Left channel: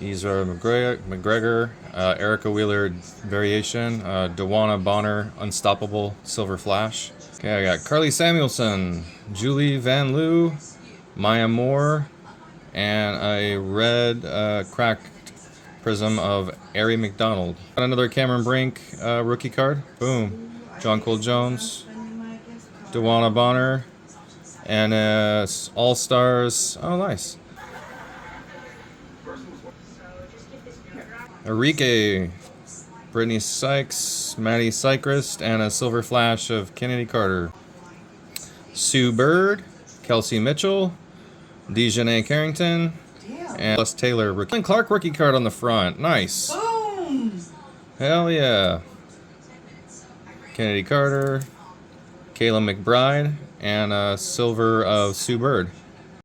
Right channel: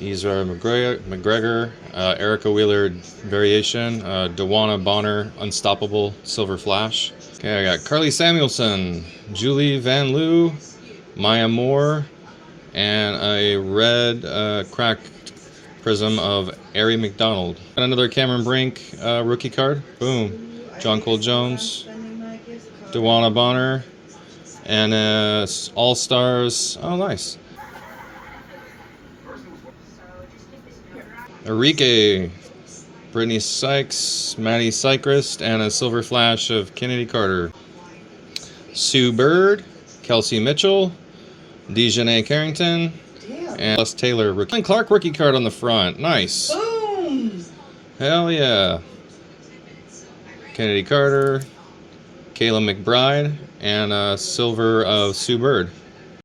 Ezra McGregor, Erica Wheeler variation, Dewana Bonner Unstoppable Silver Flash. Okay, I got Carly Samuelson, Julie Van Loo, Maya Moore, and a red cracked prism of Ari McDonald. Got another Cameron Brink rookie card. Boom. Jonquil Jones, Dewana Bonner, and All Stars. Oh, nice. Enrique, Brittany Sykes, Maddie Sychrist, and a silver flash of Kennedy Carter. Sue Bird, Kelsey Mitchell, Dejanay Carrington, and Les Taylor. And Clark rookie card on the front. Nice. Boom! Hell yeah. Kennedy Carter, Kayla McBride, and a silver of Sue Bird.